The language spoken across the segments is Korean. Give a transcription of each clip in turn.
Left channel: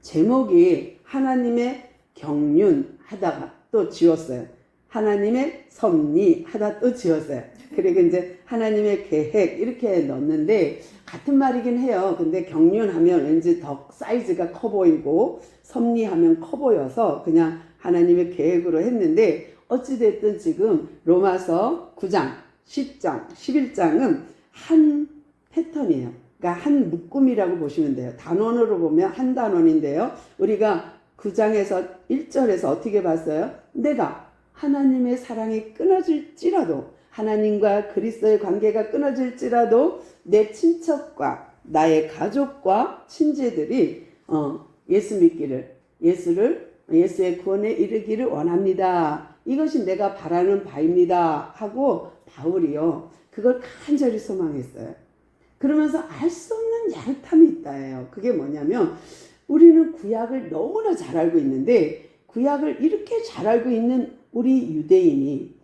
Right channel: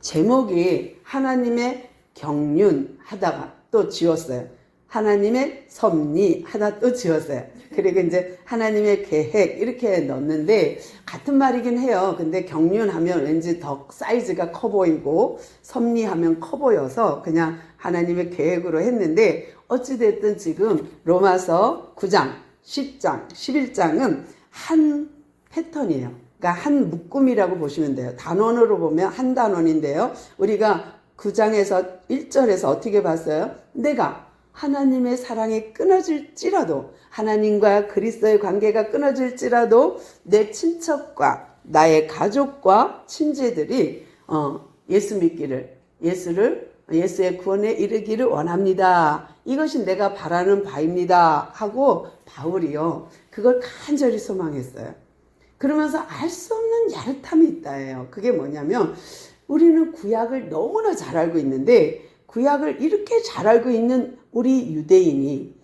제목이 하나님의 경륜하다가 또 지웠어요. 하나님의 섭리하다 또 지웠어요. 그리고 이제 하나님의 계획 이렇게 넣었는데 같은 말이긴 해요. 근데 경륜하면 왠지 더 사이즈가 커 보이고 섭리하면 커 보여서 그냥 하나님의 계획으로 했는데 어찌됐든 지금 로마서 9장, 10장, 11장은 한 패턴이에요. 그러니까 한 묶음이라고 보시면 돼요. 단원으로 보면 한 단원인데요. 우리가 9장에서 1절에서 어떻게 봤어요? 내가 하나님의 사랑이 끊어질지라도 하나님과 그리스도의 관계가 끊어질지라도 내 친척과 나의 가족과 친지들이 예수 믿기를 예수의 구원에 이르기를 원합니다. 이것이 내가 바라는 바입니다. 하고 바울이요. 그걸 간절히 소망했어요. 그러면서 알 수 없는 야릇함이 있다예요. 그게 뭐냐면 우리는 구약을 너무나 잘 알고 있는데 구약을 이렇게 잘 알고 있는 우리 유대인이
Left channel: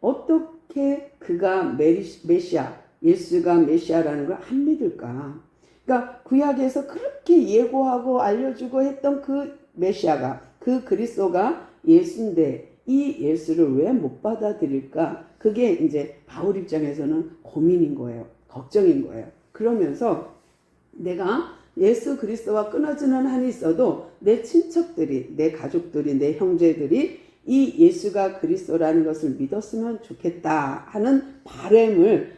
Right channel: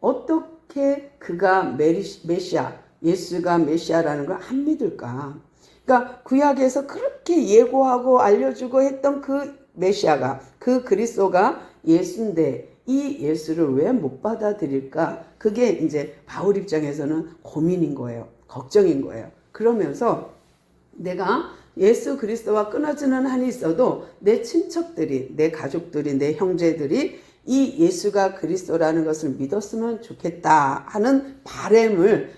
어떻게 그가 메시아, 예수가 메시아라는 걸 안 믿을까? 그러니까 구약에서 그렇게 예고하고 알려주고 했던 그 메시아가, 그 그리스도가 예수인데 이 예수를 왜 못 받아들일까? 그게 이제 바울 입장에서는 고민인 거예요. 걱정인 거예요. 그러면서 내가 예수 그리스도와 끊어지는 한이 있어도 내 친척들이, 내 가족들이, 내 형제들이 이 예수가 그리스도라는 것을 믿었으면 좋겠다 하는 바람을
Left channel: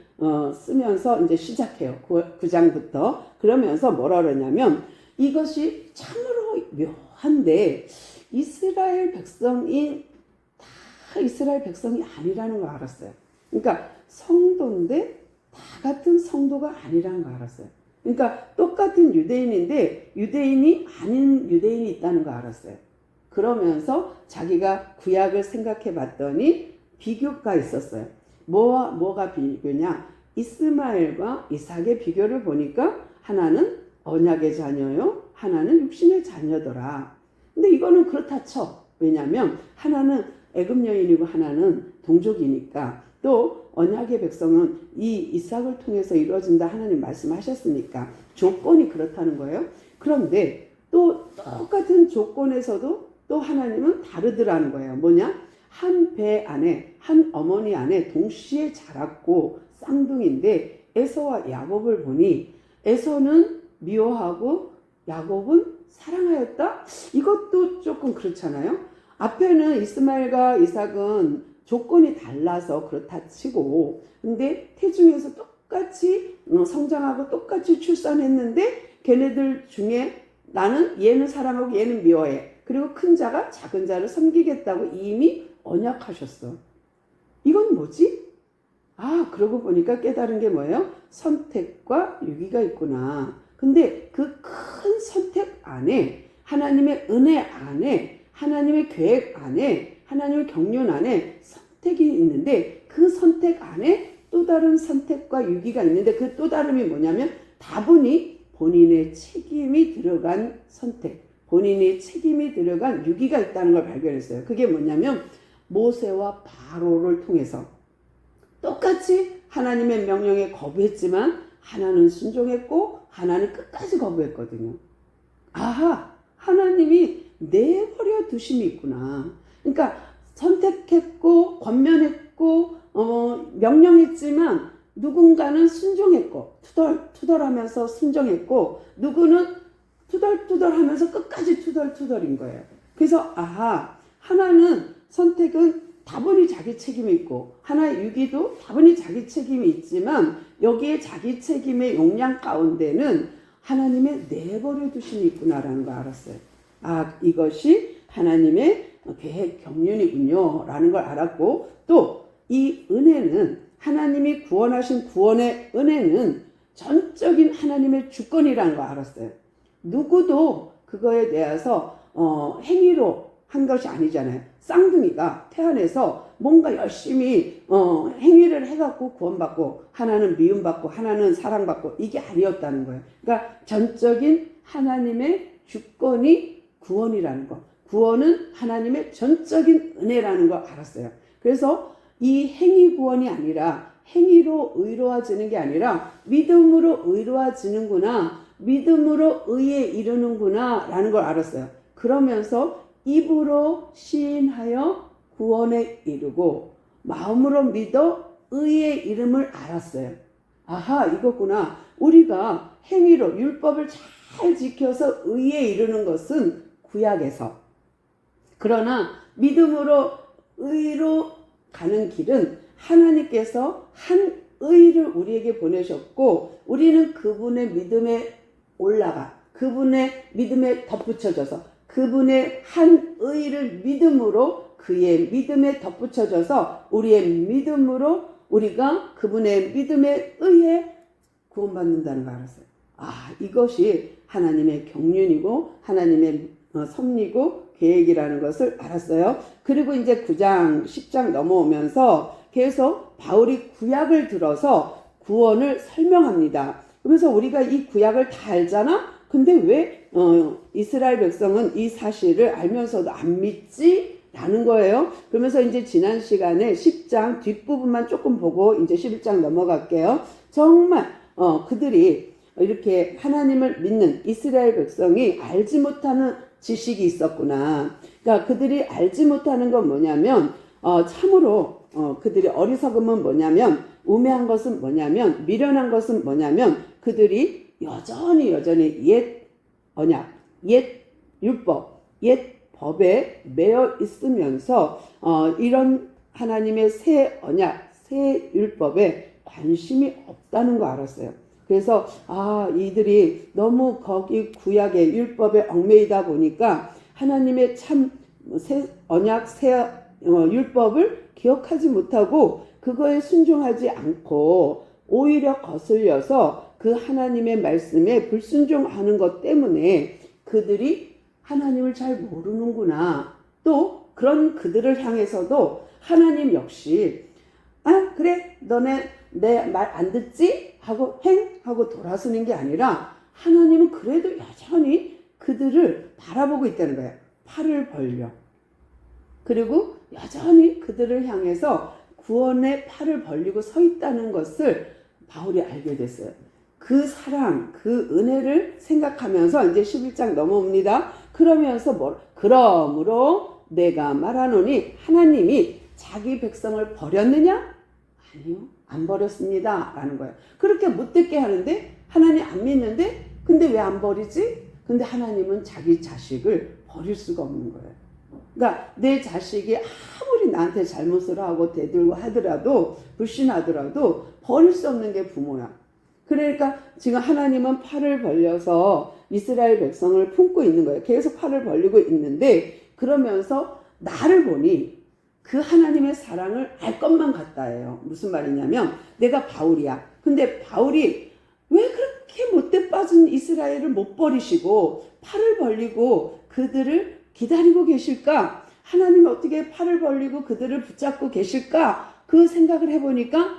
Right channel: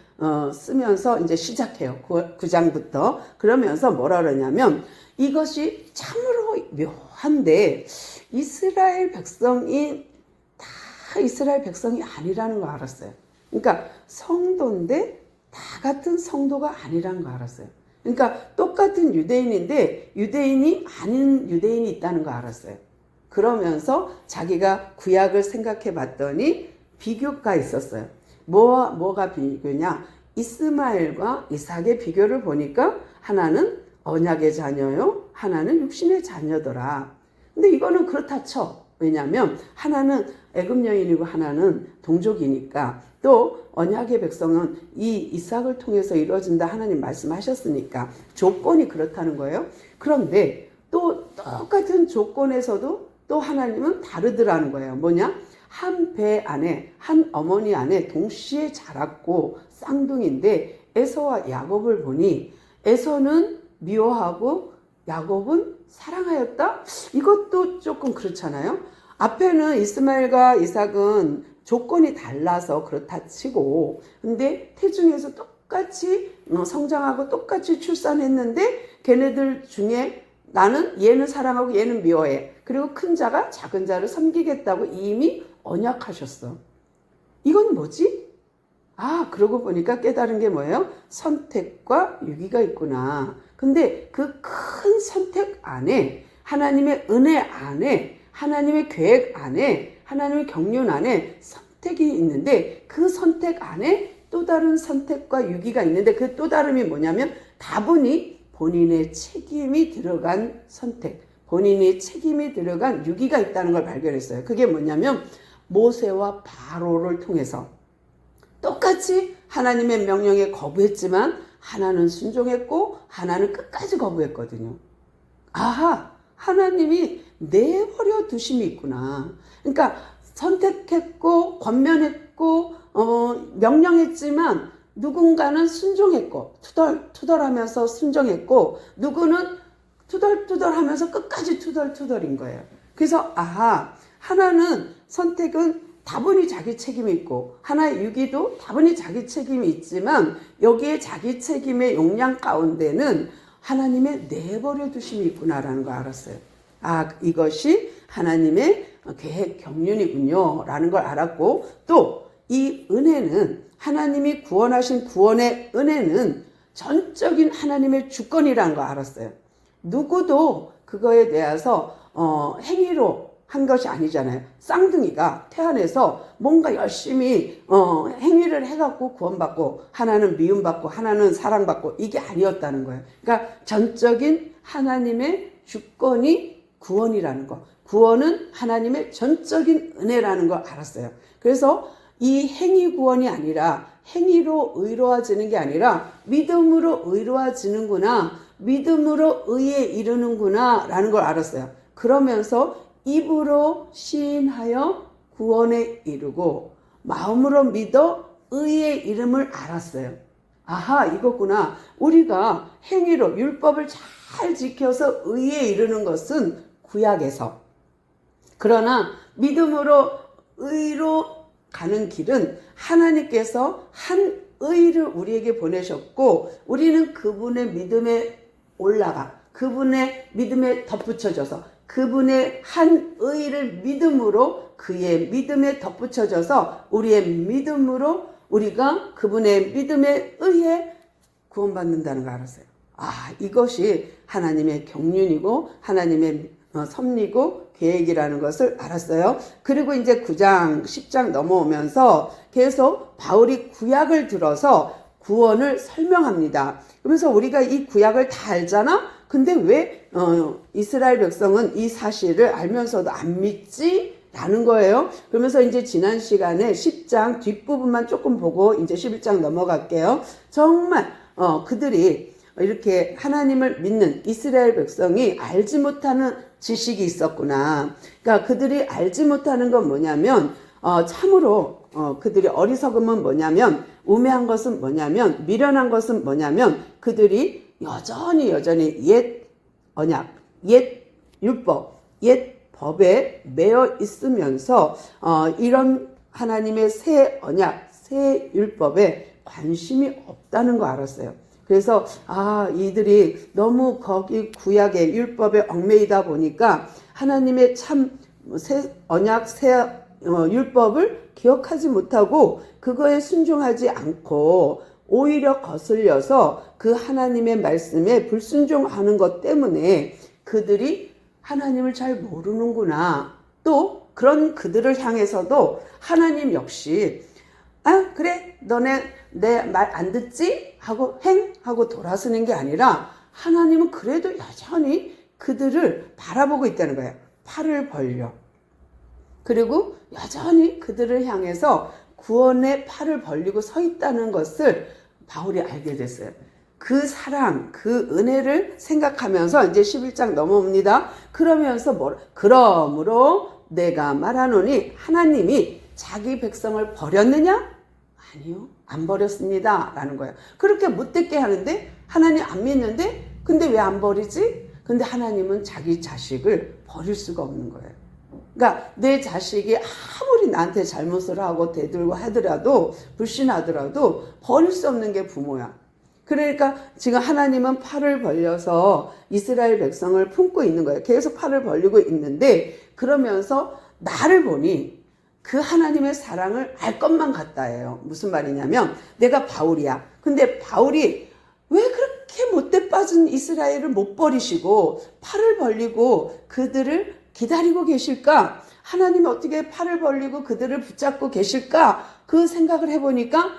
쓰면서 이제 시작해요. 9장부터. 그러면서 뭐라 그러냐면 이것이 참으로 묘한데 이스라엘 백성이 다 이스라엘 백성이 아니라는 거 알았어요. 그러니까 성도인데 다 같은 성도가 아니라는 거 알았어요. 그러니까 똑같은 유대인인데 유대인이 아닌 유대인이 있다는 거 알았어요. 그러면서 자기가 구약을 생각해 봤더니 비교가 있었어요. 뭐가 비교냐? 이스마엘과 이삭의 비교를 보니까 하나는 언약의 자녀요, 하나는 육신의 자녀더라. 근데 이거는 그렇다 쳐. 왜냐하면 하나는 애굽 여인이고 하나는 동족이니까, 또 언약의 백성은 이 이삭을 통해서 이루어진다 하나님 말씀하셨으니까 조건이 그렇다는 거예요. 그런데 또 똑같은 조건에서도 또 하나님은 다르더라는 거예요. 뭐냐? 한 배 안에, 한 어머니 안에 동시에 자랐고 쌍둥이인데 에서와 야곱을 보니 에서는 미워하고 야곱은 사랑하였다? 이것도 조금 그렇잖아요. 앞에는 이스마엘과 이삭은 조건이 달라서 그렇다 치고, 근데 태중에서 똑같이 성장하고 똑같이 출산했는데 걔네들 중에 나는 얘는 사랑하고 얘는 미워해. 그리고 큰 자가 작은 자를 섬기겠다고 이미 언약하셨어. 이건 뭐지? 그러고 보니까 깨달은 게 뭐예요? 선택과 유기가 있구나. 근데 그 큰 선택 안에, 하나님의 은혜 안에, 하나님의 계획 안에, 하나님의 경륜 안에 선택이 있는데 그 선택 안에 또 다른 선택과 유기가 있는데 그 또 다름이 뭐냐면 다분히 본인의 책임이 들어간 선택, 본인의 책임이 들어간 유기가 있다는 걸 발견했어요. 그게 뭐냐면 모세와 바로를 통해서 똑같이 하나님의 명령에 거부했지만 하나는 순종했고 하나는 끝까지 거부했거든요. 하나님이 내버려 두심이 있구나. 그러니까 선택했고 권면했고 명령했지만 누군가는 순종했고 투덜투덜하면서 순종했고 누구는 투덜투덜하면서 끝까지 투덜투덜인 거예요. 그래서 하나는 선택은 다분히 자기 책임이 있고 하나의 유기도 다분히 자기 책임이 있지만 여기에 자기 책임의 용량 가운데는 하나님의 내버려 두심이 있구나라는 거 알았어요. 이것이 하나님의 계획 경륜이군요 라는 걸 알았고, 또 이 은혜는 하나님이 구원하신 구원의 은혜는 전적인 하나님의 주권이라는 거 알았어요. 누구도 그거에 대해서 행위로 한 것이 아니잖아요. 쌍둥이가 태어나서 뭔가 열심히 행위를 해갖고 구원받고 하나는 미움받고 하나는 사랑받고 이게 아니었다는 거예요. 그러니까 전적인 하나님의 주권이 구원이라는 거, 구원은 하나님의 전적인 은혜라는 걸 알았어요. 그래서 이 행위 구원이 아니라 행위로 의로워지는 게 아니라 믿음으로 의로워지는구나. 믿음으로 의에 이르는구나 라는 걸 알았어요. 그러면서 입으로 시인하여 구원에 이르고 마음으로 믿어 의의 이름을 알았어요. 아하, 이거구나. 우리가 행위로 율법을 잘 지켜서 의에 이르는 것은 구약에서, 그러나 믿음으로 의로 가는 길은 하나님께서 한 의를 우리에게 보내셨고 우리는 그분의 믿음에 올라가 그분의 믿음에 덧붙여져서 그분의 한 의를 믿음으로 그의 믿음에 덧붙여져서 우리의 믿음으로 우리가 그분의 믿음에 의해 구원받는다는 걸 알았어요. 아, 이것이 하나님의 경륜이고 하나님의 섭리고 계획이라는 것을 알았어요. 그리고 이제 9장 10장 넘어오면서 계속 바울이 구약을 들어서 구원을 설명합니다. 그러면서 우리가 이 구약을 다 알잖아? 근데 왜 이스라엘 백성은 이 사실을 알면서도 안 믿지? 라는 거예요. 그러면서 이제 지난 시간에 10장 뒷부분만 조금 보고 이제 11장 넘어갈게요. 정말 그들이 이렇게 하나님을 믿는 이스라엘 백성이 알지 못하는 지식이 있었구나. 그러니까 그들이 알지 못하는 건 뭐냐면 참으로 그들이 어리석음은 뭐냐면 우매한 것은 뭐냐면 미련한 것은 뭐냐면 그들이 여전히 옛 언약, 옛 율법, 옛 법에 매여 있으면서 이런 하나님의 새 언약, 새 율법에 관심이 없다는 거 알았어요. 그래서 이들이 너무 거기 구약의 율법에 얽매이다 보니까 하나님의 참 새 언약, 새 율법을 기억하지 못하고 그거에 순종하지 않고 오히려 거슬려서 그 하나님의 말씀에 불순종하는 것 때문에 그들이 하나님을 잘 모르는구나. 또 그런 그들을 향해서도 하나님 역시 그래 너네 내 말 안 듣지? 하고 하고 돌아서는 게 아니라 하나님은 그래도 여전히 그들을 바라보고 있다는 거예요. 팔을 벌려. 그리고 여전히 그들을 향해서 구원의 팔을 벌리고 서 있다는 것을 바울이 알게 됐어요. 그 사랑, 그 은혜를 생각하면서 이제 11장 넘어옵니다. 그러면서 그러므로 내가 말하노니 하나님이 자기 백성을 버렸느냐? 아니요, 안 버렸습니다. 라는 거예요. 그렇게 못되게 하는데 하나님 안 믿는데 근데 왜 안 버리지? 근데 하나님은 자기 자식을 버릴 수가 없는 거예요. 그러니까 내 자식이 아무리 나한테 잘못을 하고 대들고 하더라도 불신하더라도 버릴 수 없는 게 부모야. 그러니까 지금 하나님은 팔을 벌려서 이스라엘 백성을 품고 있는 거예요. 계속 팔을 벌리고 있는데 그러면서 나를 보니 그 하나님의 사랑을 알 것만 같다예요. 무슨 말이냐면 내가 바울이야. 근데 바울이 왜 그렇게 못돼 빠진 이스라엘을 못 버리시고 팔을 벌리고 그들을 기다리고 계실까? 하나님이 어떻게 팔을 벌리고 그들을 붙잡고 계실까? 그 생각을 해보니까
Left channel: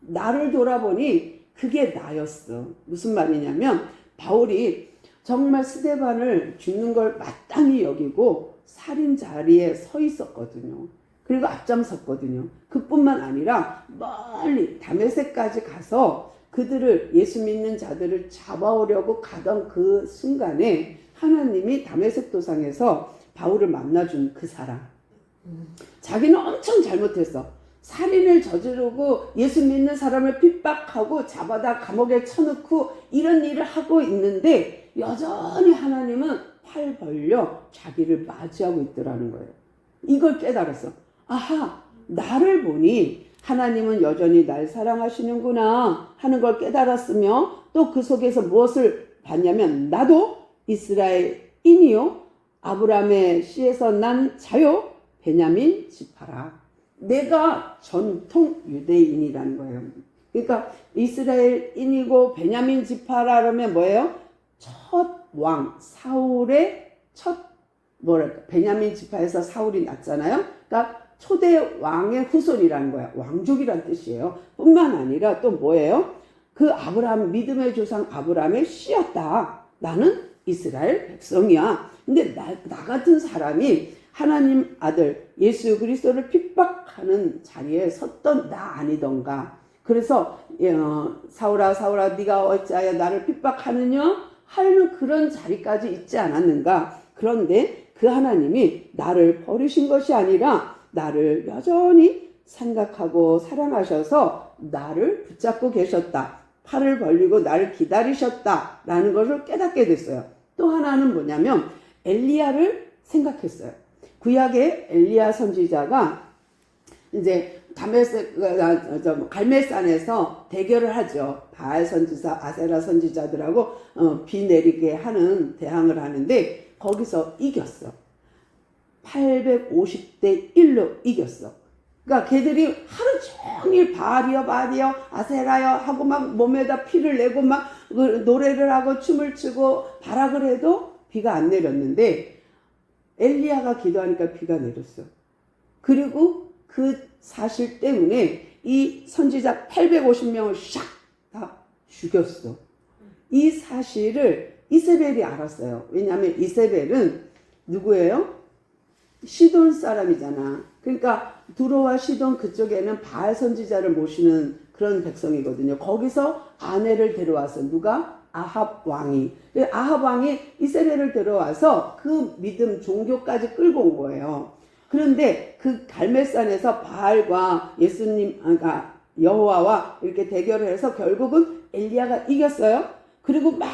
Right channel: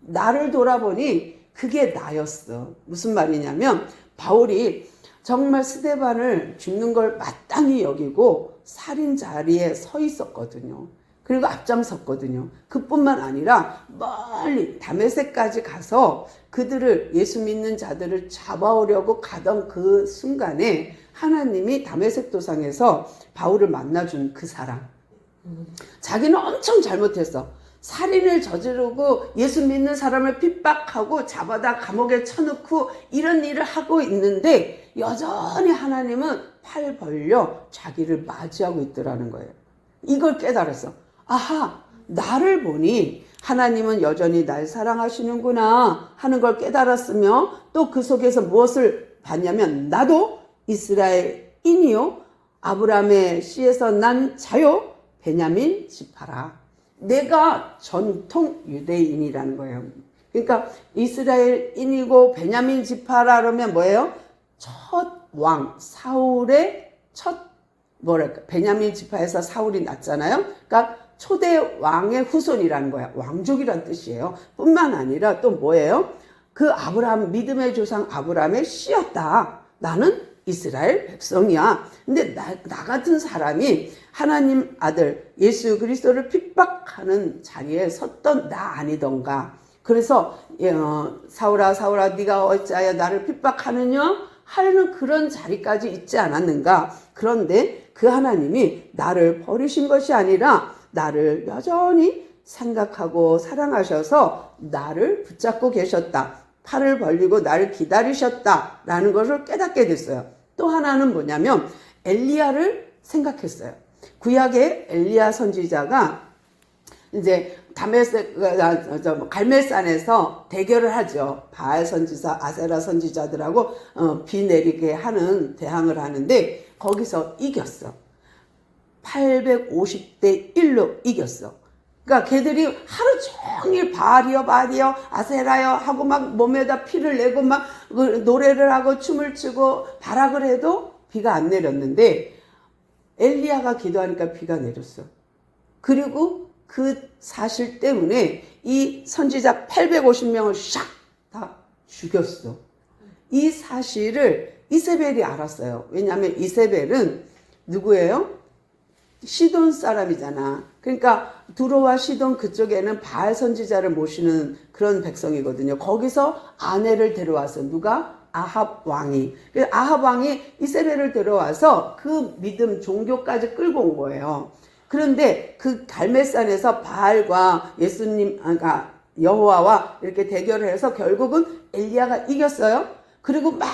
나를 돌아보니 그게 나였어. 무슨 말이냐면 바울이 정말 스데반을 죽는 걸 마땅히 여기고 살인 자리에 서 있었거든요. 그리고 앞장섰거든요. 그뿐만 아니라 멀리 다메섹까지 가서 그들을 예수 믿는 자들을 잡아오려고 가던 그 순간에 하나님이 다메섹 도상에서 바울을 만나준 그 사람. 자기는 엄청 잘못했어. 살인을 저지르고 예수 믿는 사람을 핍박하고 잡아다 감옥에 쳐넣고 이런 일을 하고 있는데 여전히 하나님은 팔 벌려 자기를 맞이하고 있더라는 거예요. 이걸 깨달았어. 아하, 나를 보니 하나님은 여전히 날 사랑하시는구나 하는 걸 깨달았으며 또 그 속에서 무엇을 봤냐면 나도 이스라엘인이요 아브라함의 씨에서 난 자요 베냐민 지파라. 내가 전통 유대인이라는 거예요. 그러니까 이스라엘인이고 베냐민 지파라 그러면 뭐예요? 첫 왕 사울의 베냐민 지파에서 사울이 났잖아요. 그러니까 초대 왕의 후손이라는 거야. 왕족이란 뜻이에요. 뿐만 아니라 또 뭐예요? 그 아브라함 믿음의 조상 아브라함의 씨였다. 나는 이스라엘 백성이야. 근데 나 같은 사람이 하나님 아들 예수 그리스도를 핍박하는 자리에 섰던 나 아니던가. 그래서 사울아 사울아 네가 어찌하여 나를 핍박하느냐 하려는 그런 자리까지 있지 않았는가. 그런데 그 하나님이 나를 버리신 것이 아니라 나를 여전히 생각하고 사랑하셔서 나를 붙잡고 계셨다. 팔을 벌리고 나를 기다리셨다라는 것을 깨닫게 됐어요. 또 하나는 뭐냐면 엘리야를 생각했어요. 구약의 엘리야 선지자가 이제 갈멜산에서 대결을 하죠. 바알 선지자, 아세라 선지자들하고 비 내리게 하는 대항을 하는데 거기서 이겼어. 850대 1로 이겼어. 그러니까 걔들이 하루 종일 바알이여 바알이여 아세라여 하고 막 몸에다 피를 내고 막 노래를 하고 춤을 추고 발악을 해도 비가 안 내렸는데 엘리야가 기도하니까 비가 내렸어. 그리고 그 사실 때문에 이 선지자 850명을 샥 다 죽였어. 이 사실을 이세벨이 알았어요. 왜냐하면 이세벨은 누구예요? 시돈 사람이잖아. 그러니까 두로와 시돈 그쪽에는 바알 선지자를 모시는 그런 백성이거든요. 거기서 아내를 데려와서 누가? 아합 왕이. 아합 왕이 이세벨을 데려와서 그 믿음 종교까지 끌고 온 거예요. 그런데 그 갈멜산에서 바알과 예수님, 그러니까 여호와와 이렇게 대결을 해서 결국은 엘리야가 이겼어요. 그리고 막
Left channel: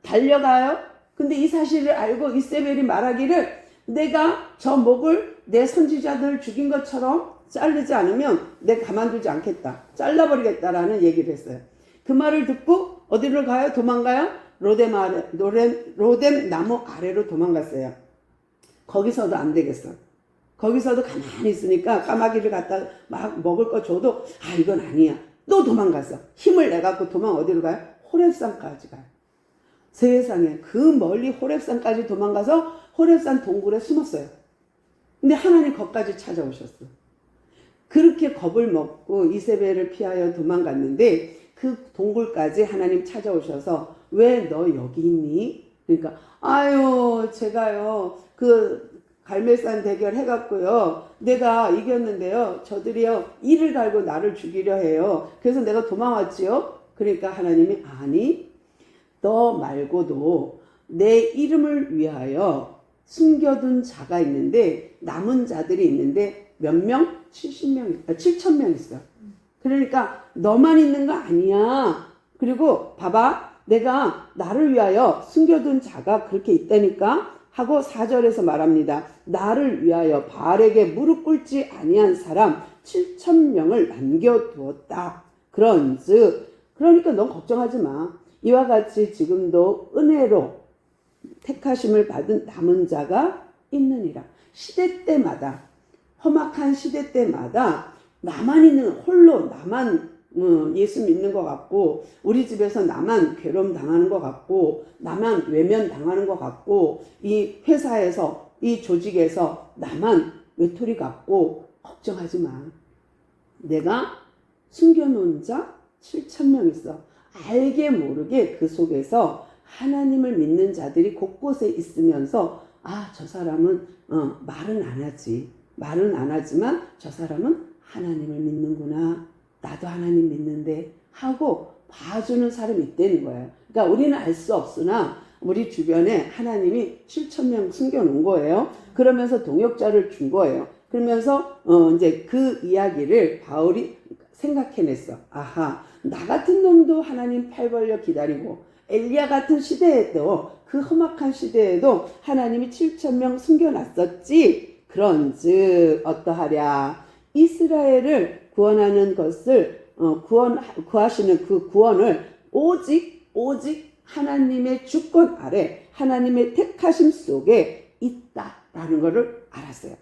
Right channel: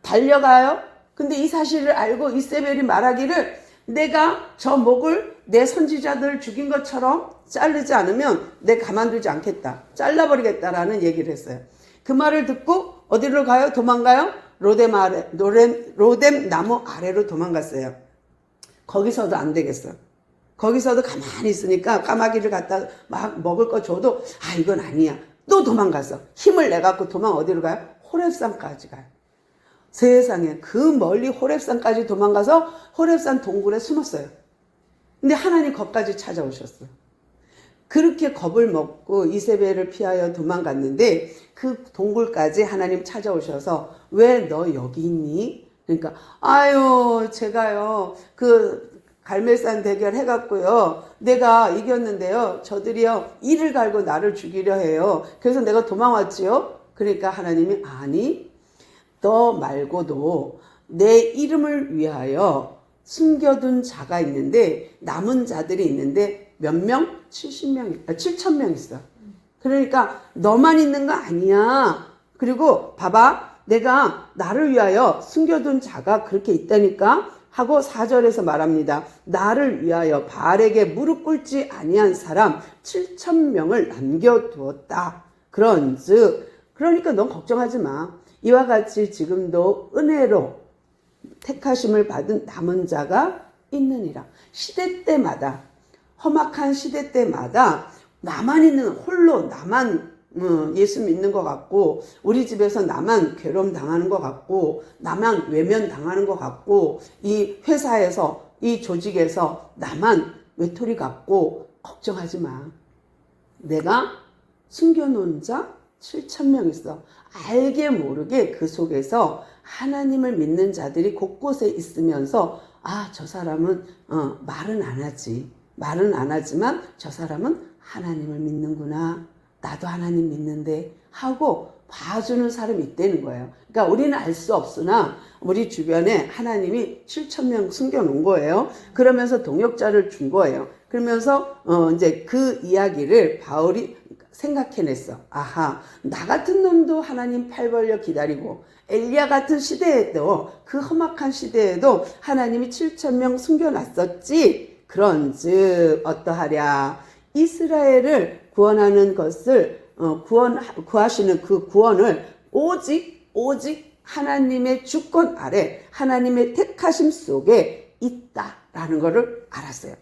달려가요. 근데 이 사실을 알고 이세벨이 말하기를 내가 저 목을 내 선지자들 죽인 것처럼 자르지 않으면 내가 가만두지 않겠다. 잘라버리겠다라는 얘기를 했어요. 그 말을 듣고 어디로 가요? 도망가요? 로뎀 나무 아래로 도망갔어요. 거기서도 안 되겠어요. 거기서도 가만히 있으니까 까마귀를 갖다 막 먹을 거 줘도 이건 아니야. 또 도망갔어. 힘을 내갖고 도망 어디로 가요? 호렙산까지 가요. 세상에 그 멀리 호렙산까지 도망가서 호렙산 동굴에 숨었어요. 근데 하나님 거기까지 찾아오셨어. 그렇게 겁을 먹고 이세벨을 피하여 도망갔는데 그 동굴까지 하나님 찾아오셔서 왜 너 여기 있니? 그러니까 제가요 그 갈멜산 대결 해갖고요 내가 이겼는데요 저들이요 이를 갈고 나를 죽이려 해요. 그래서 내가 도망왔지요. 그러니까 하나님이 아니 너 말고도 내 이름을 위하여 숨겨둔 자가 있는데 남은 자들이 있는데 몇 명? 7,000명 있어. 그러니까 너만 있는 거 아니야. 그리고 봐봐 내가 나를 위하여 숨겨둔 자가 그렇게 있다니까 하고 4절에서 말합니다. 나를 위하여 바알에게 무릎 꿇지 아니한 사람 7,000명을 남겨두었다. 그러니까 넌 걱정하지 마. 이와 같이 지금도 은혜로 택하심을 받은 남은 자가 있느니라. 시대 때마다 험악한 시대 때마다 나만 있는 홀로 나만 예수 믿는 것 같고 우리 집에서 나만 괴로움 당하는 것 같고 나만 외면 당하는 것 같고 이 회사에서 이 조직에서 나만 외톨이 같고 걱정하지 마. 내가 숨겨놓은 자 7,000명 있어. 알게 모르게 그 속에서 하나님을 믿는 자들이 곳곳에 있으면서 저 사람은 말은 안 하지. 말은 안 하지만 저 사람은 하나님을 믿는구나. 나도 하나님 믿는데 하고 봐주는 사람이 있다는 거예요. 그러니까 우리는 알 수 없으나 우리 주변에 하나님이 7,000명 숨겨놓은 거예요. 그러면서 동역자를 준 거예요. 그러면서 이제 그 이야기를 바울이 생각해냈어. 나 같은 놈도 하나님 팔 벌려 기다리고 엘리야 같은 시대에도 그 험악한 시대에도 하나님이 7,000명 숨겨놨었지. 그런즉 어떠하랴. 이스라엘을 구원하는 것을 구하시는 그 구원을 오직 하나님의 주권 아래 하나님의 택하심 속에 있다라는 것을 알았어요.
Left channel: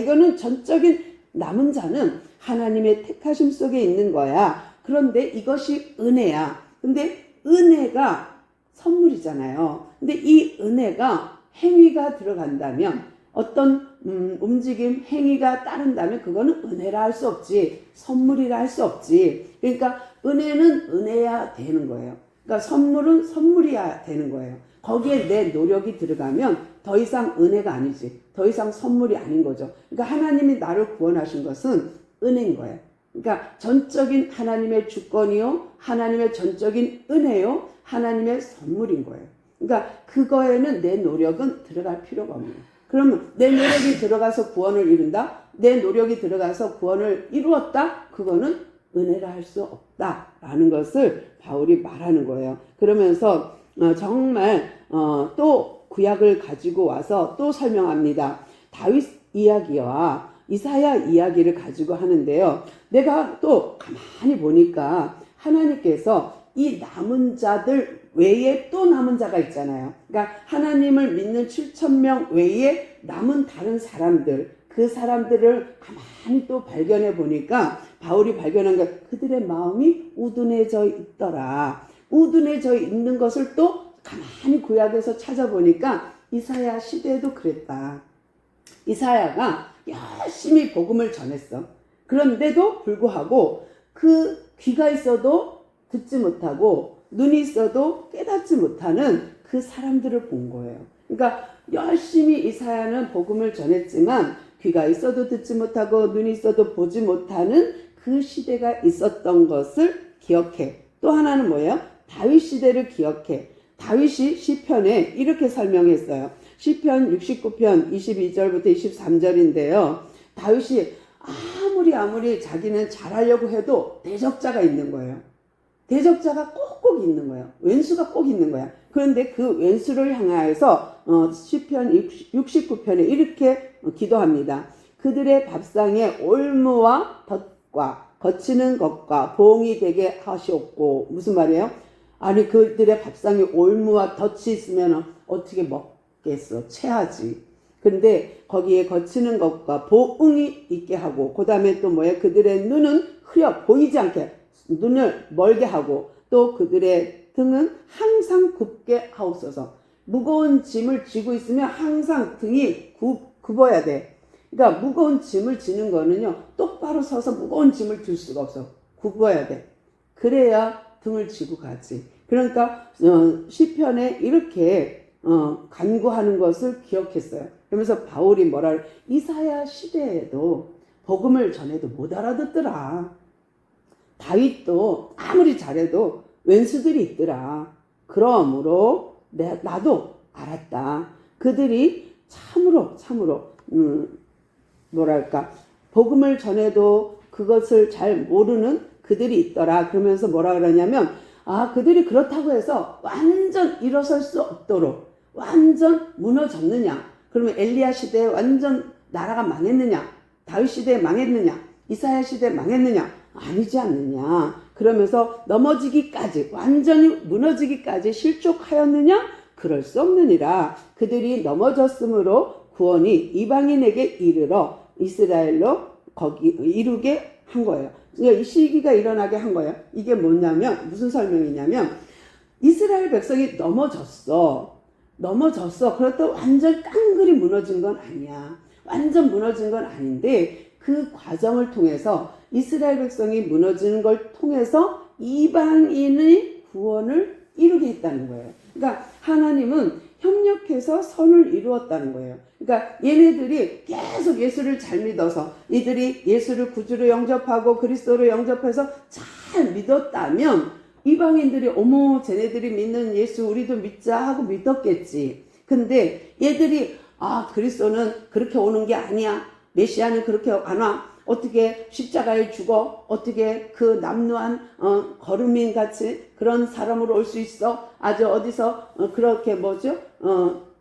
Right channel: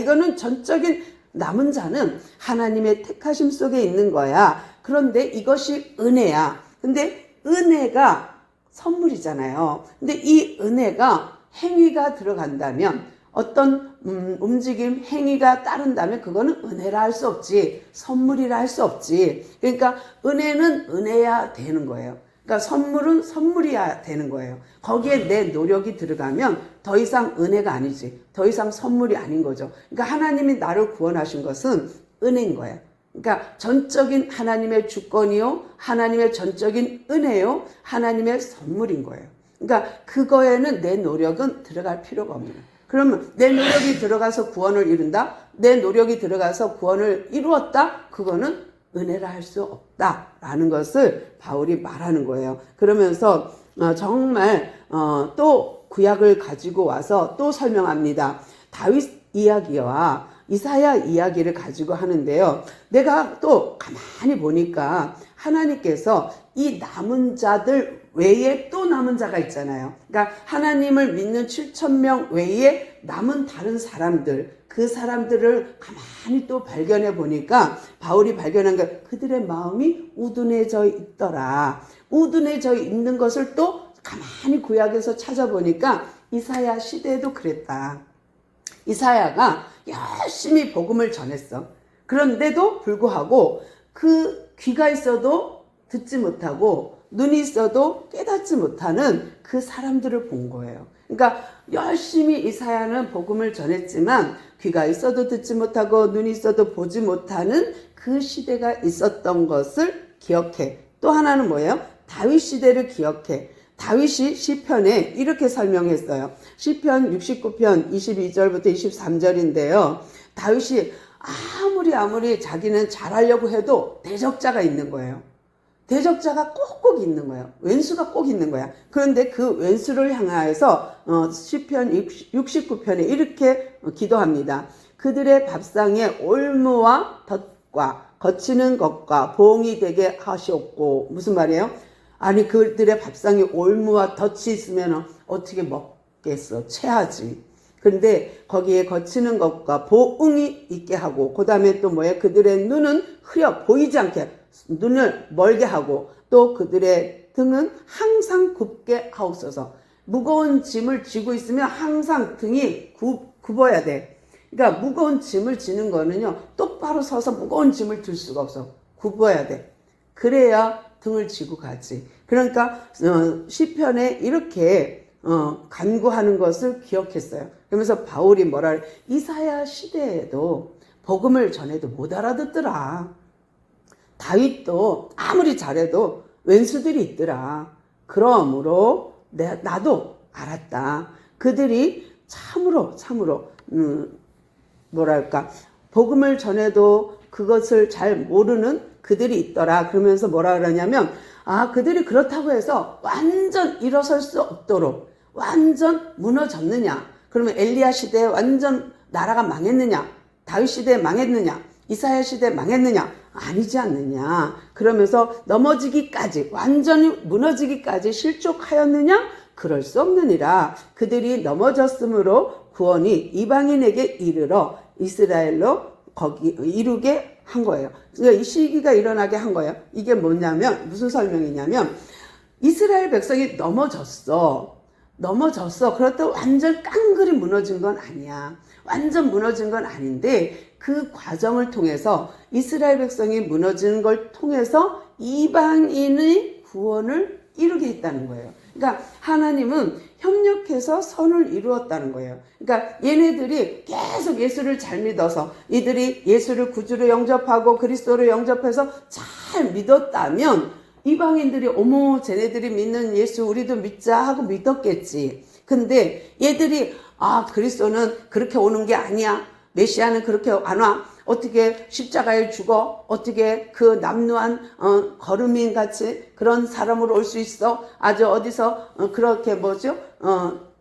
이거는 전적인 남은 자는 하나님의 택하심 속에 있는 거야. 그런데 이것이 은혜야. 근데 은혜가 선물이잖아요. 근데 이 은혜가 행위가 들어간다면 어떤 움직임, 행위가 따른다면 그거는 은혜라 할 수 없지. 선물이라 할 수 없지. 그러니까 은혜는 은혜야 되는 거예요. 그러니까 선물은 선물이야 되는 거예요. 거기에 내 노력이 들어가면 더 이상 은혜가 아니지. 더 이상 선물이 아닌 거죠. 그러니까 하나님이 나를 구원하신 것은 은혜인 거예요. 그러니까 전적인 하나님의 주권이요, 하나님의 전적인 은혜요, 하나님의 선물인 거예요. 그러니까 그거에는 내 노력은 들어갈 필요가 없는 거예요. 그러면 내 노력이 들어가서 구원을 이룬다? 내 노력이 들어가서 구원을 이루었다? 그거는 은혜라 할 수 없다라는 것을 바울이 말하는 거예요. 그러면서 정말 또 구약을 가지고 와서 또 설명합니다. 다윗 이야기와 이사야 이야기를 가지고 하는데요. 내가 또 가만히 보니까 하나님께서 이 남은 자들 외에 또 남은 자가 있잖아요. 그러니까 하나님을 믿는 7,000명 외에 남은 다른 사람들, 그 사람들을 가만히 또 발견해 보니까 바울이 발견한 게 그들의 마음이 우둔해져 있더라. 우둔해져 있는 것을 또 가만히 구약에서 찾아보니까 이사야 시대에도 그랬다. 이사야가 열심히 복음을 전했어. 그런데도 불구하고 그 귀가 있어도 듣지 못하고 눈이 있어도 깨닫지 못하는 그 사람들을 본 거예요. 그러니까 열심히 이사야는 복음을 전했지만 귀가 있어도 듣지 못하고 눈이 있어도 보지 못하는 그 시대가 있었던 것을 기억해. 또 하나는 뭐예요? 다윗 시대를 기억해. 다윗이 시편에 이렇게 설명했어요. 시편 69편 22절부터 23절인데요. 다윗이 아무리 자기는 잘하려고 해도 대적자가 있는 거예요. 대적자가 꼭꼭 있는 거예요. 왼수가 꼭 있는 거야. 그런데 그 왼수를 향하여서 시편 69편에 이렇게 기도합니다. 그들의 밥상에 올무와 덫과 거치는 것과 봉이 되게 하시옵고. 무슨 말이에요? 아니 그들의 밥상에 올무와 덫이 있으면 어떻게 먹겠어? 체하지. 근데 거기에 거치는 것과 보응이 있게 하고, 그 다음에 또 뭐예요? 그들의 눈은 흐려 보이지 않게 눈을 멀게 하고, 또 그들의 등은 항상 굽게 하옵소서. 무거운 짐을 쥐고 있으면 항상 등이 굽어야 돼. 그러니까 무거운 짐을 지는 거는요, 똑바로 서서 무거운 짐을 들 수가 없어. 굽어야 돼. 그래야 등을 쥐고 가지. 그러니까 시편에 이렇게 간구하는 것을 기억했어요. 그러면서 바울이 뭐라 그래? 이사야 시대에도 복음을 전해도 못 알아듣더라. 다윗도 아무리 잘해도 왼수들이 있더라. 그러므로 나도 알았다. 그들이 참으로 뭐랄까, 복음을 전해도 그것을 잘 모르는 그들이 있더라. 그러면서 뭐라 그러냐면, 그들이 그렇다고 해서 완전 일어설 수 없도록 완전 무너졌느냐? 그러면 엘리야 시대에 완전 나라가 망했느냐? 다윗 시대에 망했느냐? 이사야 시대에 망했느냐? 아니지 않느냐? 그러면서 넘어지기까지, 완전히 무너지기까지 실족하였느냐? 그럴 수 없느니라. 그들이 넘어졌으므로 구원이 이방인에게 이르러 이스라엘로 거기 이루게 한 거예요. 그러니까 이 시기가 일어나게 한 거예요. 이게 뭐냐면, 무슨 설명이냐면, 이스라엘 백성이 넘어졌어. 그렇다고 완전 깡그리 무너진 건 아니야. 완전 무너진 건 아닌데, 그 과정을 통해서 이스라엘 백성이 무너지는 걸 통해서 이방인의 구원을 이루게 했다는 거예요. 그러니까 하나님은 협력해서 선을 이루었다는 거예요. 그러니까 얘네들이 계속 예수를 잘 믿어서, 이들이 예수를 구주로 영접하고 그리스도로 영접해서 잘 믿었다면 이방인들이 어머 쟤네들이 믿는 예수 우리도 믿자 하고 믿었겠지. 근데 얘들이 그리스도는 그렇게 오는 게 아니야. 메시아는 그렇게 안 와. 어떻게 십자가에 죽어? 어떻게 그 남루한 거름민 같이 그런 사람으로 올 수 있어? 아주 어디서 그렇게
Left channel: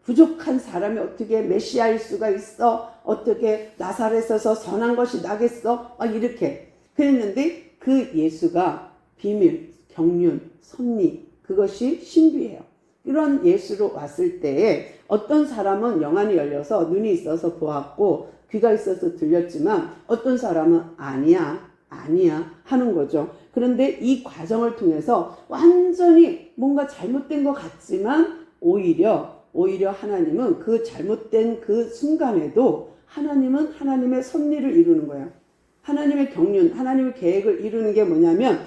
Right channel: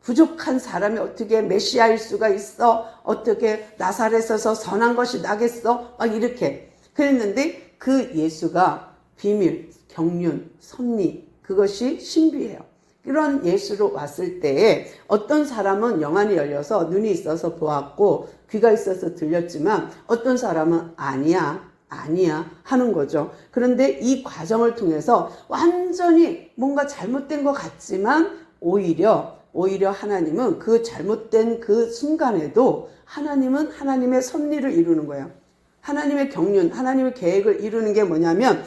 부족한 사람이 어떻게 메시아일 수가 있어? 어떻게 나사렛에서 선한 것이 나겠어? 이렇게 그랬는데 그 예수가 비밀, 경륜, 섭리, 그것이 신비해요. 이런 예수로 왔을 때에 어떤 사람은 영안이 열려서 눈이 있어서 보았고 귀가 있어서 들렸지만 어떤 사람은 아니야 하는 거죠. 그런데 이 과정을 통해서 완전히 뭔가 잘못된 것 같지만 오히려 하나님은 그 잘못된 그 순간에도 하나님은 하나님의 섭리를 이루는 거예요. 하나님의 경륜, 하나님의 계획을 이루는 게 뭐냐면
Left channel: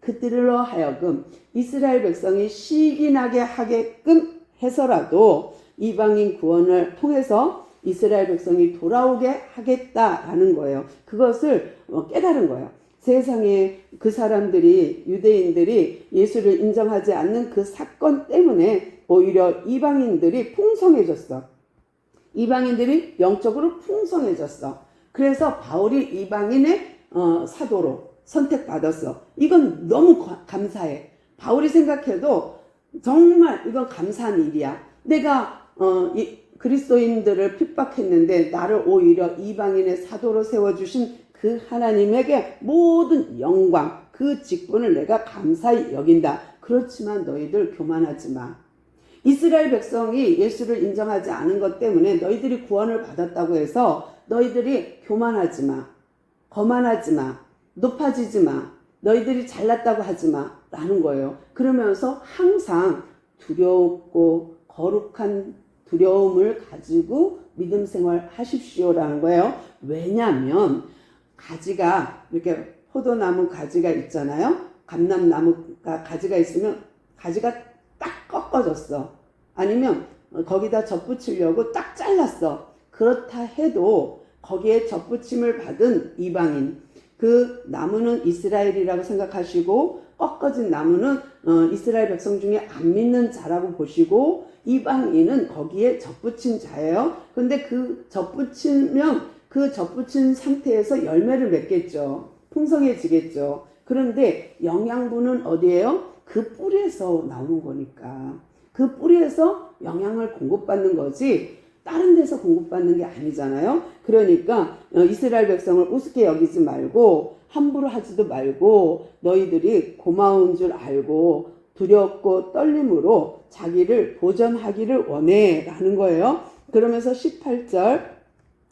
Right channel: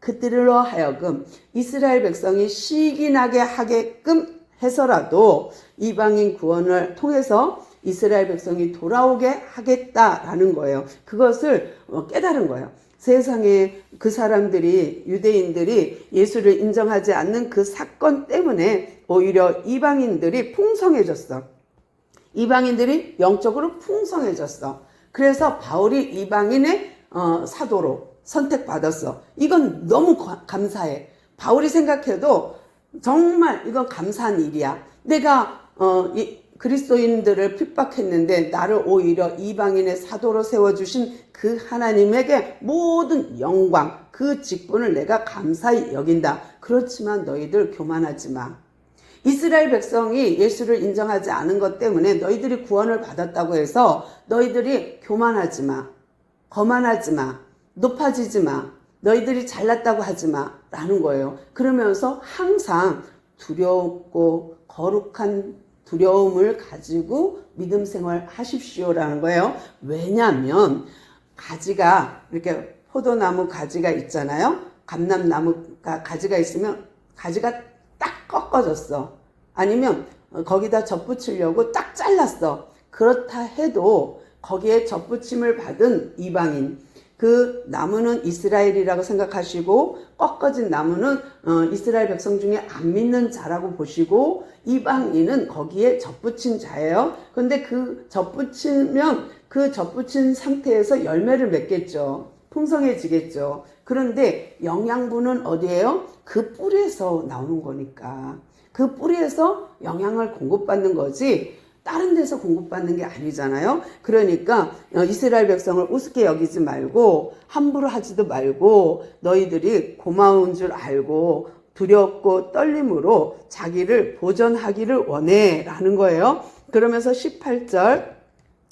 그들로 하여금 이스라엘 백성이 시기나게 하게끔 해서라도 이방인 구원을 통해서 이스라엘 백성이 돌아오게 하겠다라는 거예요. 그것을 깨달은 거예요. 세상에 그 사람들이, 유대인들이 예수를 인정하지 않는 그 사건 때문에 오히려 이방인들이 풍성해졌어. 이방인들이 영적으로 풍성해졌어. 그래서 바울이 이방인의 사도로 선택받았어. 이건 너무 감사해. 바울이 생각해도 정말 이건 감사한 일이야. 내가 그리스도인들을 핍박했는데 나를 오히려 이방인의 사도로 세워주신 그 하나님에게 모든 영광, 그 직분을 내가 감사히 여긴다. 그렇지만 너희들 교만하지 마. 이스라엘 백성이 예수를 인정하지 않은 것 때문에 너희들이 구원을 받았다고 해서 너희들이 교만하지 마. 거만하지 마. 높아지지 마. 너희들이 잘났다고 하지 마. 라는 거예요. 그러면서 항상 두렵고 거룩한 두려움을 가지고 믿음 생활 하십시오라는 거예요. 왜냐하면 가지가 이렇게 포도나무 가지가 있잖아요. 감람나무가 가지가 있으면 가지가 딱 꺾어졌어. 아니면 거기다 덧붙이려고 딱 잘랐어. 그렇다 해도 거기에 덧붙임을 받은 이방인, 그 나무는 이스라엘이라고 생각하시고 꺾어진 나무는 이스라엘 백성 중에 안 믿는 자라고 보시고 이방인은 거기에 덧붙인 자예요. 그런데 그 덧붙이면 그 덧붙인 상태에서 열매를 맺겠죠. 풍성해지겠죠. 그런데 영양분은 어디예요? 그 뿌리에서 나오는 거니까. 그 뿌리에서 영양을 공급받는 거지 다른 데서 공급받는 게 아니잖아요. 그러니까 이스라엘 백성을 우습게 여기지 말고 함부로 하지도 말고 너희들이 고마운 줄 알고 두렵고 떨림으로 자기를 보전하기를 원해 라는 거예요. 그러면서 18절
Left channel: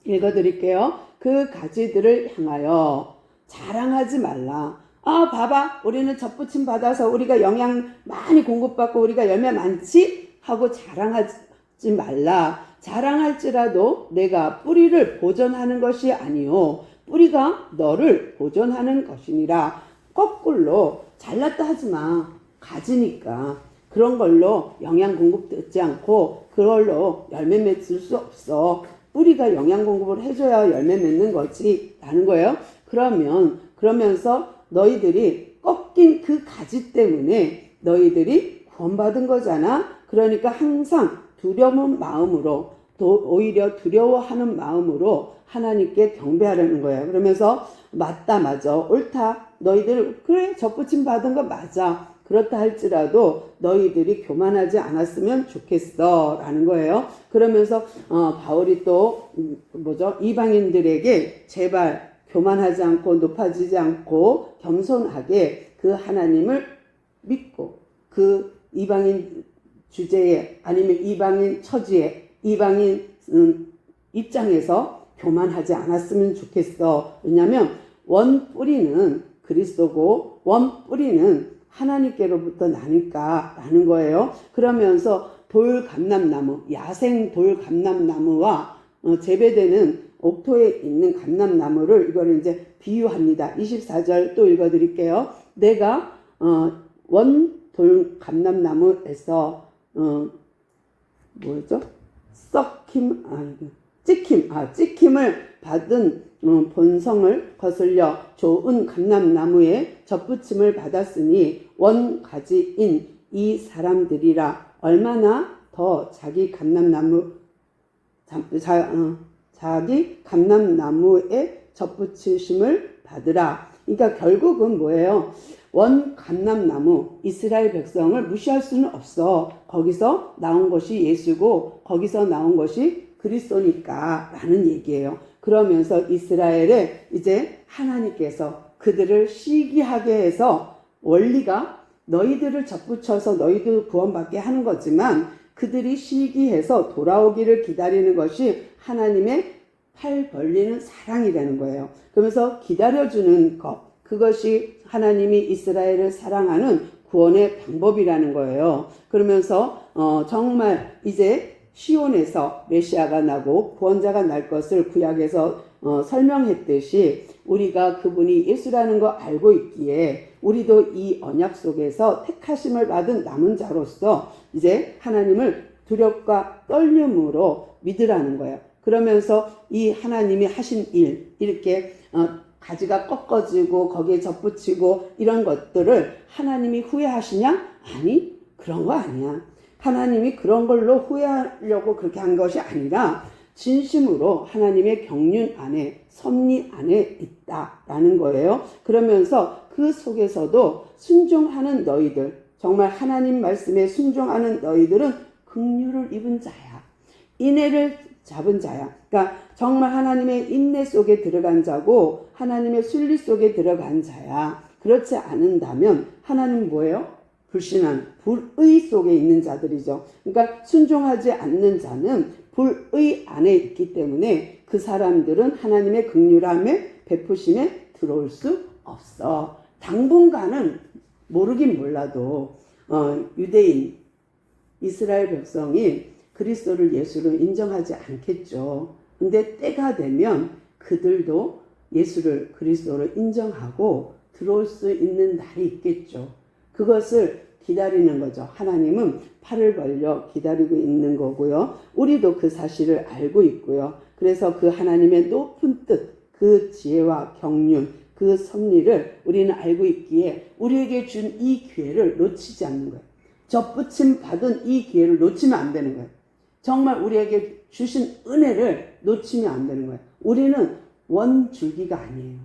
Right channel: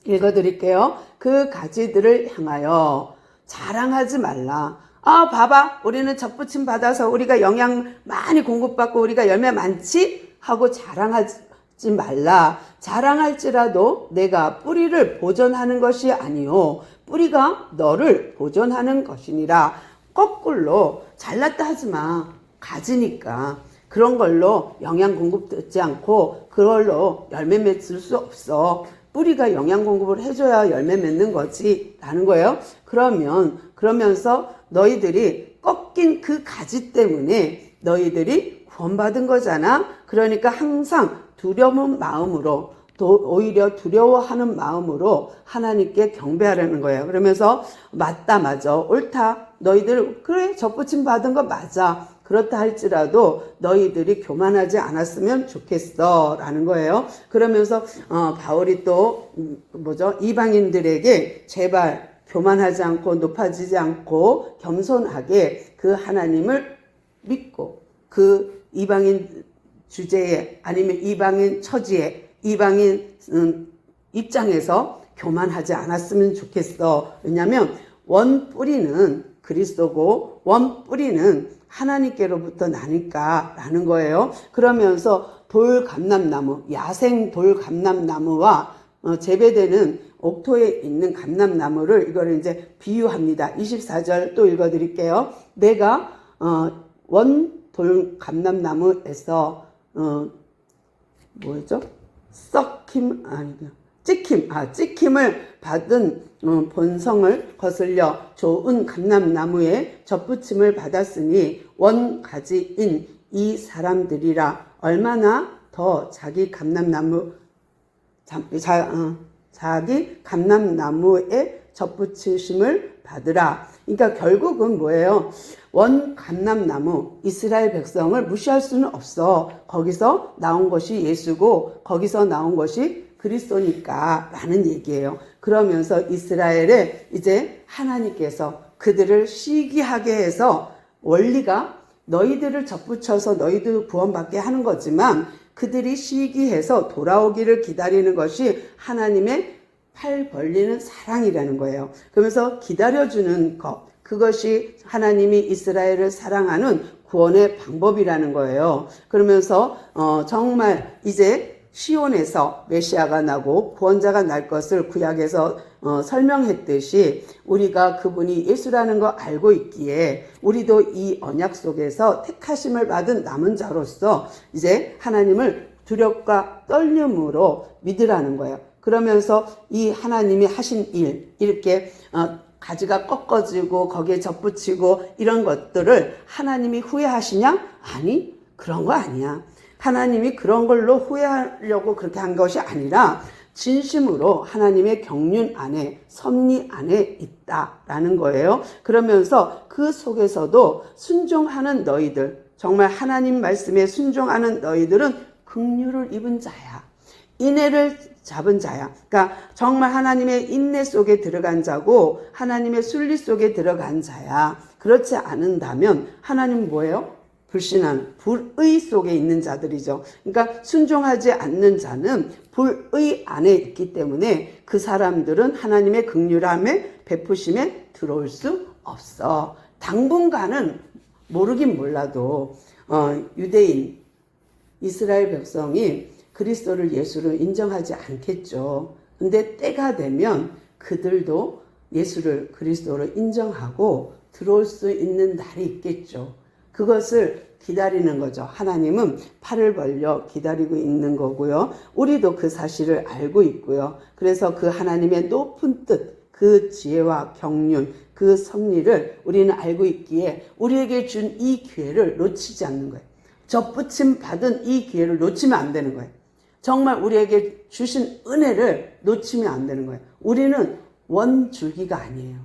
읽어드릴게요. 그 가지들을 향하여 자랑하지 말라. 봐봐, 우리는 덧붙임 받아서 우리가 영양 많이 공급받고 우리가 열매 많지? 하고 자랑하지 말라. 자랑할지라도 내가 뿌리를 보존하는 것이 아니요 뿌리가 너를 보존하는 것이니라. 거꾸로 잘났다 하지 마. 가지니까 그런 걸로 영양 공급되지 않고 그걸로 열매 맺을 수 없어. 뿌리가 영양 공급을 해줘야 열매 맺는 거지 라는 거예요. 그러면서 너희들이 꺾인 그 가지 때문에 너희들이 구원받은 거잖아. 그러니까 항상 두려운 마음으로 오히려 두려워하는 마음으로 하나님께 경배하라는 거예요. 그러면서 맞다 옳다 너희들 그래 덧붙임 받은 거 맞아. 그렇다 할지라도 너희들이 교만하지 않았으면 좋겠어 라는 거예요. 그러면서 바울이 또 이방인들에게 제발 교만하지 않고 높아지지 않고 겸손하게 그 하나님을 믿고 그 이방인 주제에 아니면 이방인 처지에 이방인 입장에서 교만하지 않았으면 좋겠어. 왜냐하면 원 뿌리는 그리스도고 원 뿌리는 하나님께로부터 나니까 라는 거예요. 그러면서 돌감람나무, 야생 돌감람나무와 재배되는 옥토에 있는 감람나무를 이거를 이제 비유합니다. 24절 또 읽어드릴게요. 내가 원 돌감람나무에서 찍힘을 받은 본성을 거슬려 좋은 감람나무에 덧붙임을 받았으니 원가지인 이 사람들이라 얼마나 더 자기 감람나무에 덧붙이심을 받으라. 그러니까 결국은 뭐예요? 원 감람나무 이스라엘 백성을 무시할 수는 없어. 거기서 나온 것이 예수고 거기서 나온 것이 그리스도니까 라는 얘기예요. 그러면서 이스라엘에 이제 하나님께서 그들을 시기하게 해서 원리가 너희들을 덧붙여서 너희들 구원받게 하는 거지만 그들이 시기해서 돌아오기를 기다리는 것이 하나님의 팔 벌리는 사랑이라는 거예요. 그러면서 기다려주는 것, 그것이 하나님이 이스라엘을 사랑하는 구원의 방법이라는 거예요. 그러면서 정말 이제 시온에서 메시아가 나고 구원자가 날 것을 구약에서 설명했듯이 우리가 그분이 예수라는 거 알고 있기에 우리도 이 언약 속에서 택하심을 받은 남은 자로서 이제 하나님을 두렵과 떨림으로 믿으라는 거예요. 그러면서 이 하나님이 하신 일 이렇게 가지가 꺾어지고 거기에 접붙이고 이런 것들을 하나님이 후회하시냐? 아니, 그런 거 아니야. 하나님이 그런 걸로 후회하려고 그렇게 한 것이 아니라 진심으로 하나님의 경륜 안에, 섭리 안에 있다라는 거예요. 그러면서 그 속에서도 순종하는 너희들, 정말 하나님 말씀에 순종하는 너희들은 긍휼을 입은 자야. 인애를 잡은 자야. 그러니까 정말 하나님의 인내 속에 들어간 자고 하나님의 순리 속에 들어간 자야. 그렇지 않은다면 하나님 뭐예요? 불신하는, 불의 속에 있는 자들이죠. 그러니까 순종하지 않는 자는 불의 안에 있기 때문에 그 사람들은 하나님의 긍휼함에 베푸심에 들어올 수 없어. 당분간은 모르긴 몰라도 유대인, 이스라엘 백성이 그리스도를, 예수를 인정하지 않겠죠. 근데 때가 되면 그들도 예수를, 그리스도를 인정하고 들어올 수 있는 날이 있겠죠. 그것을 기다리는 거죠. 하나님은 팔을 벌려 기다리고 있는 거고요. 우리도 그 사실을 알고 있고요. 그래서 그 하나님의 높은 뜻, 그 지혜와 경륜, 그 섭리를 우리는 알고 있기에 우리에게 준 이 기회를 놓치지 않는 거예요. 접붙임 받은 이 기회를 놓치면 안 되는 거예요. 정말 우리에게 주신 은혜를 놓치면 안 되는 거예요. 우리는 원줄기가 아니에요.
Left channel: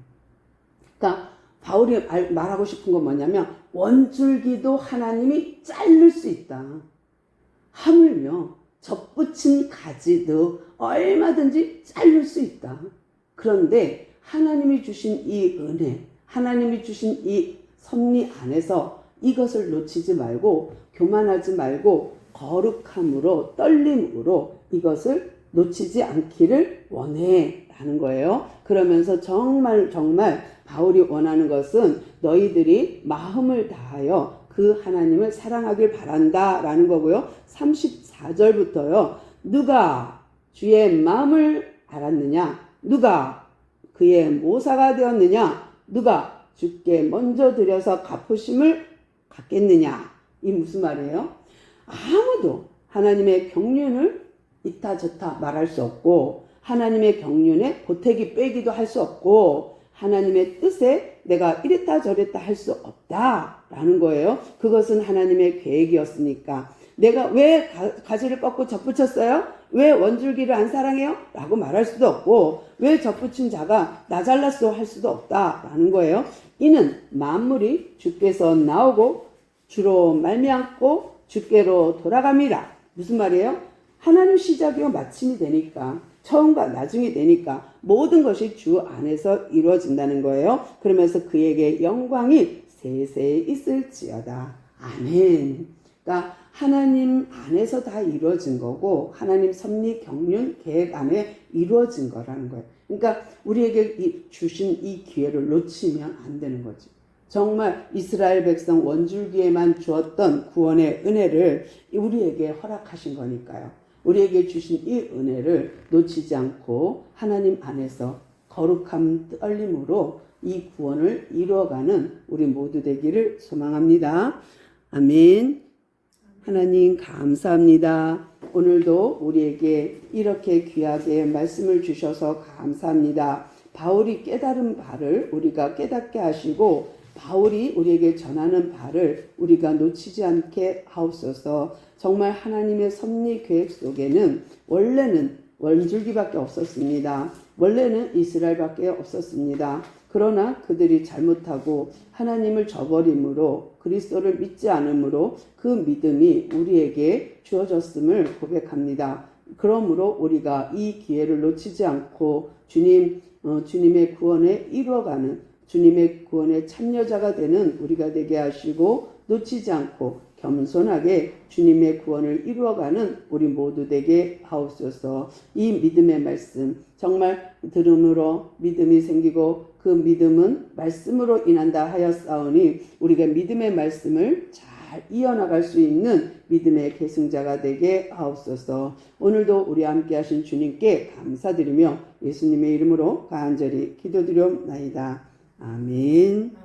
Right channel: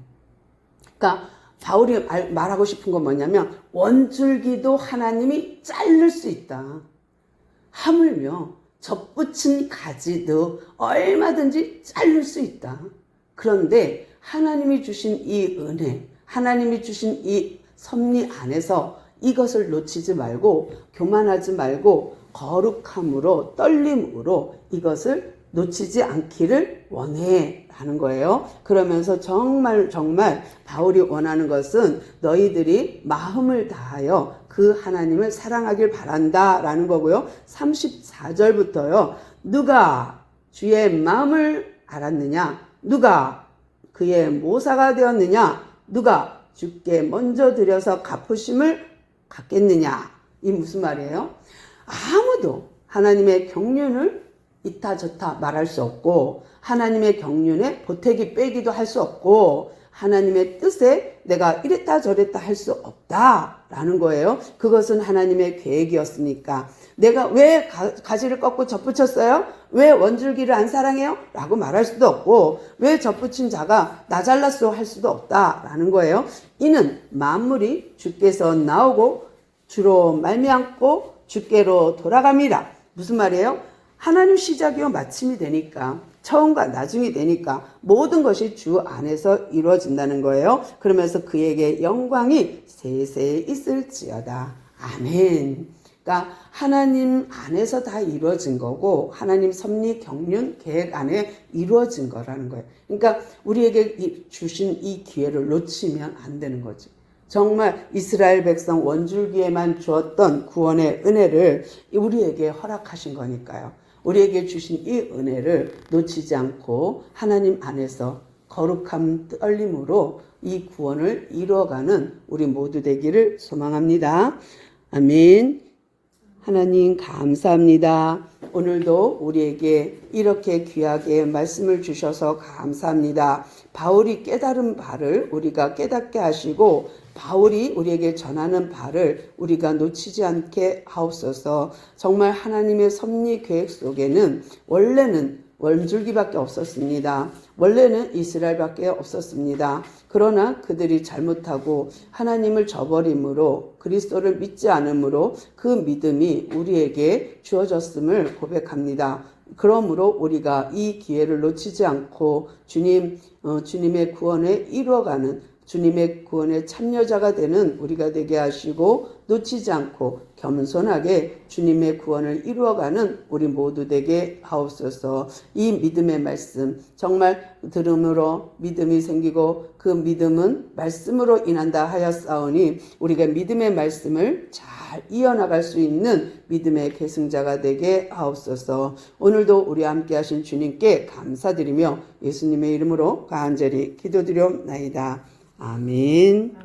그러니까 바울이 말하고 싶은 건 뭐냐면 원줄기도 하나님이 자를 수 있다. 하물며 접붙인 가지도 얼마든지 자를 수 있다. 그런데 하나님이 주신 이 은혜, 하나님이 주신 이 섭리 안에서 이것을 놓치지 말고 교만하지 말고 거룩함으로 떨림으로 이것을 놓치지 않기를 원해 라는 거예요. 그러면서 정말 바울이 원하는 것은 너희들이 마음을 다하여 그 하나님을 사랑하길 바란다 라는 거고요. 34절부터요. 누가 주의 마음을 알았느냐? 누가 그의 모사가 되었느냐? 누가 주께 먼저 드려서 갚으심을 갖겠느냐? 이 무슨 말이에요? 아무도 하나님의 경륜을 이타 저타 말할 수 없고 하나님의 경륜에 보태기 빼기도 할 수 없고 하나님의 뜻에 내가 이랬다 저랬다 할 수 없다라는 거예요. 그것은 하나님의 계획이었으니까. 내가 왜 가지를 꺾고 접붙였어요? 왜 원줄기를 안 사랑해요? 라고 말할 수도 없고 왜 접붙인 자가 나 잘랐어 할 수도 없다라는 거예요. 이는 만물이 주께서 나오고 주로 말미암고 주께로 돌아갑니다. 무슨 말이에요? 하나님 시작이요 마침이 되니까 처음과 나중이 되니까 모든 것이 주 안에서 이루어진다는 거예요. 그러면서 그에게 영광이 세세히 있을지어다. 아멘. 그러니까 하나님 안에서 다 이루어진 거고 하나님 섭리 경륜 계획 안에 이루어진 거라는 거예요. 그러니까 우리에게 주신 이 기회를 놓치면 안 되는 거죠. 정말 이스라엘 백성 원줄기에만 주었던 구원의 은혜를 우리에게 허락하신 거니까요. 우리에게 주신 이 은혜를 놓치지 않고 하나님 안에서 거룩함 떨림으로 이 구원을 이루어가는 우리 모두 되기를 소망합니다. 아멘. 하나님 감사합니다. 오늘도 우리에게 이렇게 귀하게 말씀을 주셔서 감사합니다. 바울이 깨달은 바를 우리가 깨닫게 하시고 바울이 우리에게 전하는 바를 우리가 놓치지 않게 하옵소서. 정말 하나님의 섭리 계획 속에는 원래는 원줄기밖에 없었습니다. 원래는 이스라엘밖에 없었습니다. 그러나 그들이 잘못하고 하나님을 저버림으로 그리스도를 믿지 않으므로 그 믿음이 우리에게 주어졌음을 고백합니다. 그러므로 우리가 이 기회를 놓치지 않고 주님의 구원에 이루어가는 주님의 구원의 참여자가 되는 우리가 되게 하시고 놓치지 않고 겸손하게 주님의 구원을 이루어가는 우리 모두 되게 하옵소서. 이 믿음의 말씀 정말 들음으로 믿음이 생기고 그 믿음은 말씀으로 인한다 하였사오니 우리가 믿음의 말씀을 잘 이어나갈 수 있는 믿음의 계승자가 되게 하옵소서. 오늘도 우리 함께 하신 주님께 감사드리며 예수님의 이름으로 간절히 기도드리옵나이다. 아멘.